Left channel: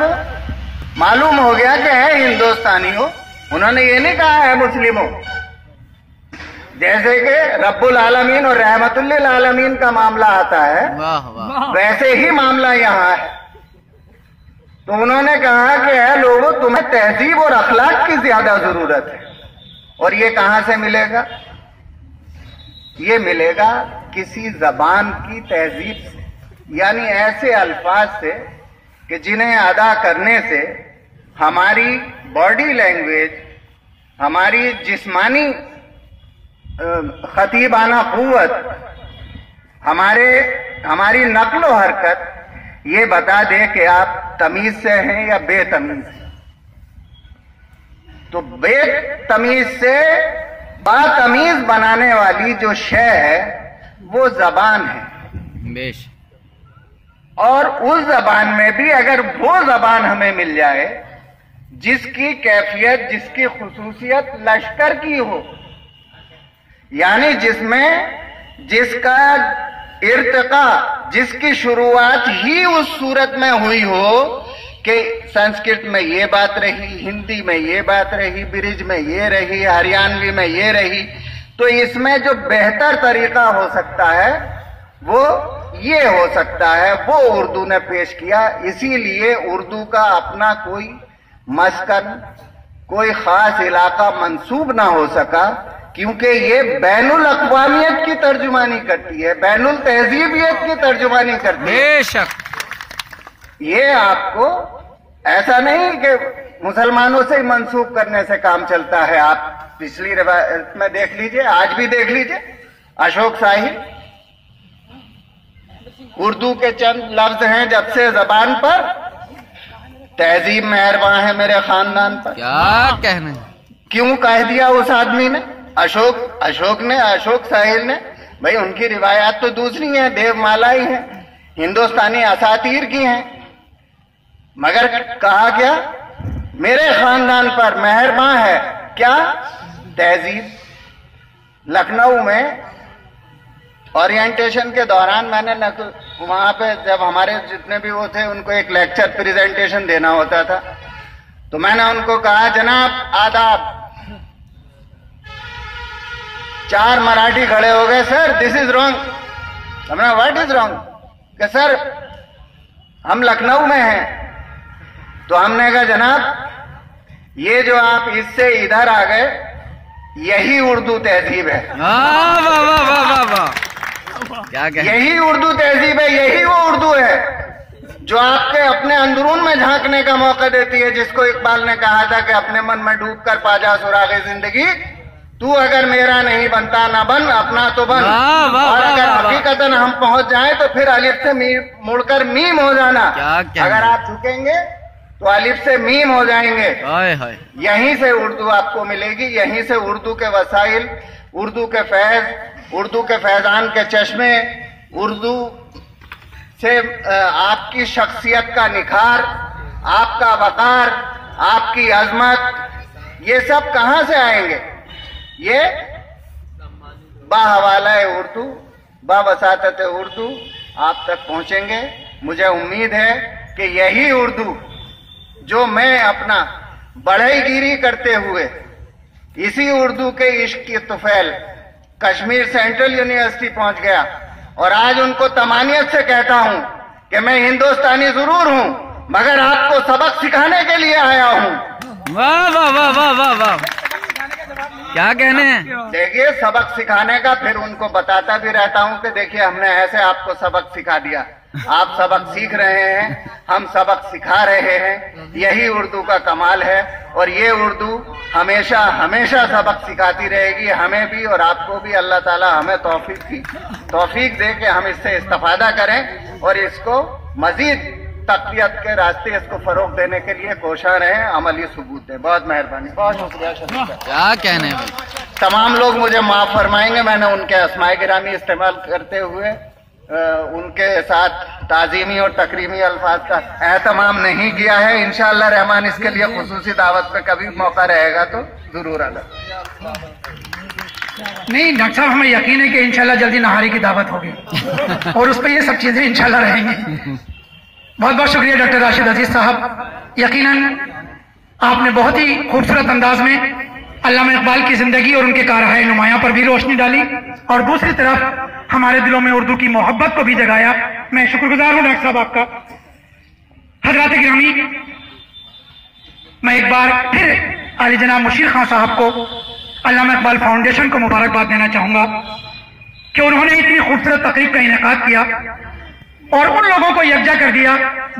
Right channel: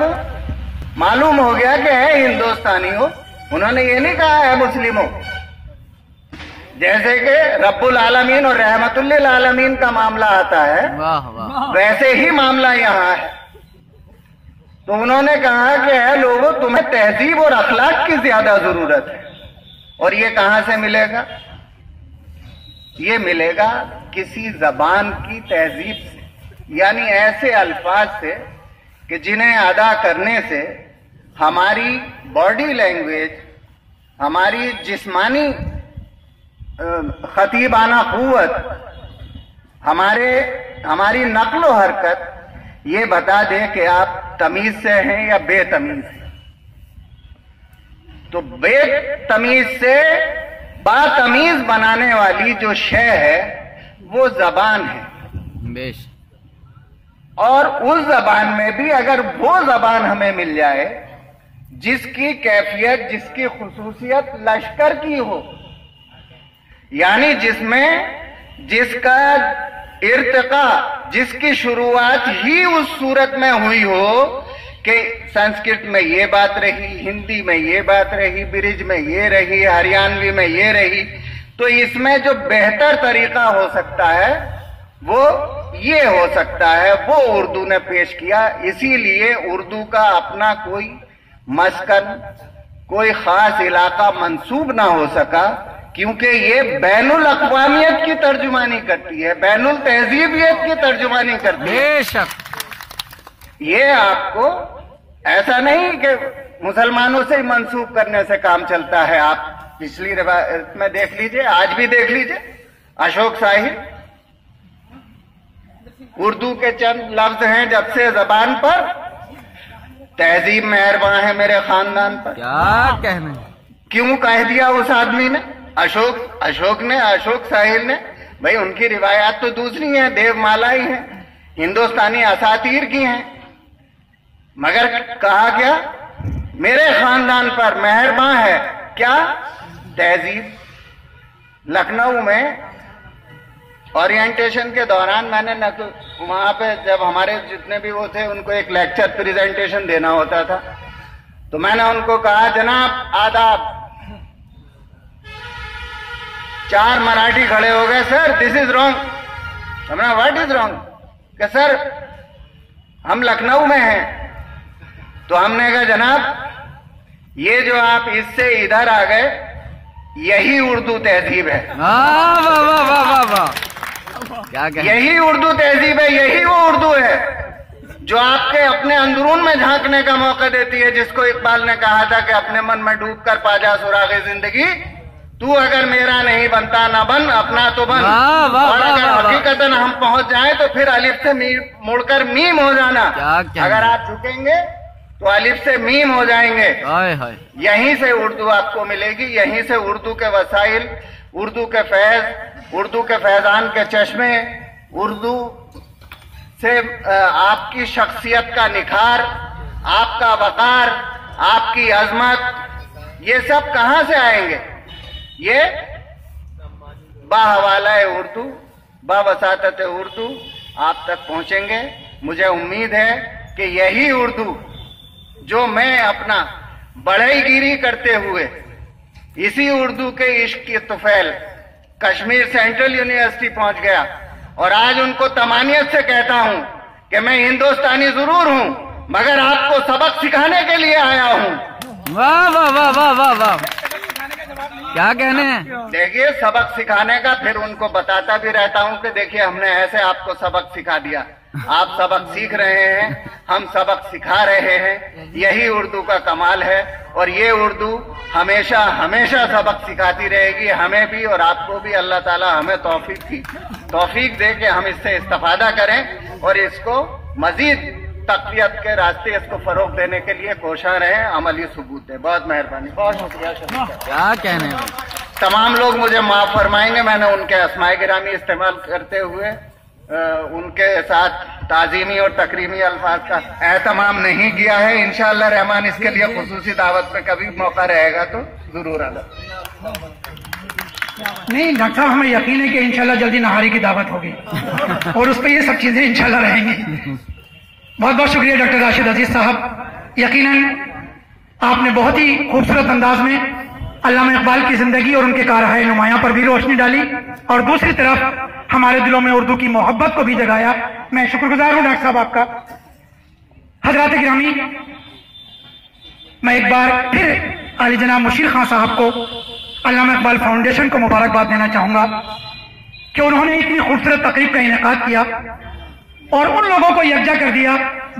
दूं? मालूम हो गया कि है हिंदुस्तानी हो, उन्होंने ये नहीं कहा है मुस्लिम हो। जैसे कि रब्बुल आलमीन और रहमतुल्लिल आलमीन का मामला आता है, वाह वाह, वैसे ही मामला यहाँ है। तो उन्होंने कहा कि है लोगों, तुम्हें तहजीब और अखलाक की ज्यादा जरूरत है। और ये कहां से मिलेगा? ये मिलेगा किसी जबान की तहजीब से, यानी ऐसे अल्फाज से कि जिन्हें अदा करने से हमारी बॉडी लैंग्वेज, हमारी जिस्मानी खतीबाना कुव्वत, हमारी नक्लो हरकत ये बता दे कि आप तमीज से हैं या बेतमीज हैं। तो बेतमीज से बातमीज बनाने वाली जो शय है वो जबान है। बेश। और उस जबान में भी अगर वो जबान हमें मिल जाए जिसकी कैफियत, जिसकी खुसूसियत लश्कर की हो, यानी जिसका इर्तिका, जिसकी शुरुआत ही उस सूरत में हुई हो कि संस्कृत में ये बात रही, हिंदी में ये बात रही, ब्रिज में ये रही, हरियाणवी में ये रही, तो इसमें जो बेहतर तरीका हो सकता है वो ये हो सकता है, वो उर्दू ने पेश किया। इसीलिए उर्दू का अपना कोई मस्कन, कोई खास इलाका मंसूब ना हो सका, क्योंकि ये बैनुल अक़वामियत की तर्जुमानी करती है, बैनुल तहजीबियत की तर्जुमानी करती है। बेशक। ये आपको ऐसा नहीं कि मुसलमानों से ही मंसूब करने से काम चलता है। आप पिछली रिवायत में देख लीजिए, आज भी देख लीजिए, अशोक साहिल, उर्दू के चंद लफ्ज हैं जब से जबान पर, तहजीब मेहरबान है मेरे खानदान पर। क्या कहना है? क्यों कह दिया उस आदमी ने? अशोक साहिल ने। भाई उनकी रिवायात तो दूसरी है, देवमाला ही है, हिंदुस्तानी असातीर की हैं, मगर कहा क्या? मेरे खानदान पर मेहरबान है क्या? तहजीब। लखनऊ में ओरिएंटेशन के दौरान मैंने वहां पे जब हमारे जितने भी वो थे उनको एक लेक्चर प्रेजेंटेशन देना होता था, तो मैंने उनको कहा जनाब आदाब। 4 मराठी खड़े हो गए, सर दिस इज रॉन्ग। हमने व्हाट इज रॉन्ग? कि सर हम लखनऊ में हैं। तो हमने कहा जनाब ये जो आप इससे इधर आ गए, यही उर्दू तहजीब है। वाह वाह वाह वाह वाह वाह, क्या कहें? यही उर्दू तहजीब है, यही वो उर्दू है जो आपके अपने अंदरून में झांकने का मौका देती है, जिसको इकबाल ने कहा था कि अपने मन में डूब कर पा जा सुराग़े जिंदगी, तू अगर मेरा नहीं बनता ना बन, अपना तो बन। वाह वाह वाह वाह। हकीकतन हम पहुंच जाए तो फिर अलिफ से मुड़कर मीम हो जाना। क्या अगर आप झुकेंगे तो अलिफ से मीम हो जाएंगे। हाय हाय। यहीं से उर्दू आपको मिलेगी, यहीं से उर्दू के वसाइल, उर्दू के फैज, उर्दू के फैजान के चश्मे, उर्दू से आपकी शख्सियत का निखार, आपका वकार, आपकी अजमत, ये सब कहां से आएंगे? ये बाहवाला उर्दू, बावसातत उर्दू आप तक पहुंचेंगे। मुझे उम्मीद है कि यही उर्दू जो मैं अपना बढ़ईगिरी करते हुए इसी उर्दू के इश्क की तुफैल कश्मीर सेंट्रल यूनिवर्सिटी पहुंच गया, और आज उनको तमानियत से कहता हूं कि मैं हिंदुस्तानी जरूर हूं, मगर आपको सबक सिखाने के लिए आया हूं। वाह वाह वाह वाह वाह वाह, क्या कहने हैं? देखिए सबक सिखाने का, फिर उनको बताता भी रहता हूं कि देखिए हमने ऐसे आपको सबक सिखा दिया, आप सबक सीख रहे हैं, हम सबक सिखा रहे हैं। यही उर्दू का कमाल है, और ये उर्दू हमेशा हमेशा सबक सिखाती रहेगी, हमें भी और आपको भी। अल्लाह ताला हमें तौफीक दे कि हम इससे इस्तेफादा करें और इसको मजीद तक़वियत के रास्ते इसको फरोग देने के लिए कोशिश रहें, अमली सबूत दें। बहुत मेहरबानी, बहुत शुक्रिया। क्या कहने हैं? तमाम लोग मुझे माफ फरमाएंगे, मैंने उनके अस्माए गिरामी इस्तेमाल करते हुए उनके साथ ताजीमी और तकरीमी अल्फाज का एहतमाम नहीं किया है। इंशाअल्लाह रहमान इसके लिए खुसूसी दावत पे कभी मौका रहेगा तो जरूर आना। नहीं डॉक्टर साहब, हमें यकीन है कि इंशाल्लाह जल्दी नहारी की दावत होगी और उस पर ये सब चीजें इंशाल्लाह रहेंगी। बहुत बहुत शुक्रिया डॉक्टर राशिद अजीज साहब। یقیناً آپ نے بہت ہی خوبصورت انداز میں علامہ اقبال کی زندگی اور ان کے کارہائے نمایاں پر بھی روشنی ڈالی اور دوسری طرف ہمارے دلوں میں اردو کی محبت کو بھی جگایا. میں شکر گزار ہوں ڈاکٹر صاحب آپ کا. حضرات گرامی، میں ایک بار پھر عالی جناب مشیر خان صاحب کو علامہ اقبال فاؤنڈیشن کو مبارکباد دینا چاہوں گا کہ انہوں نے اتنی خوبصورت تقریب کا انعقاد کیا اور ان لوگوں کو یکجا کر دیا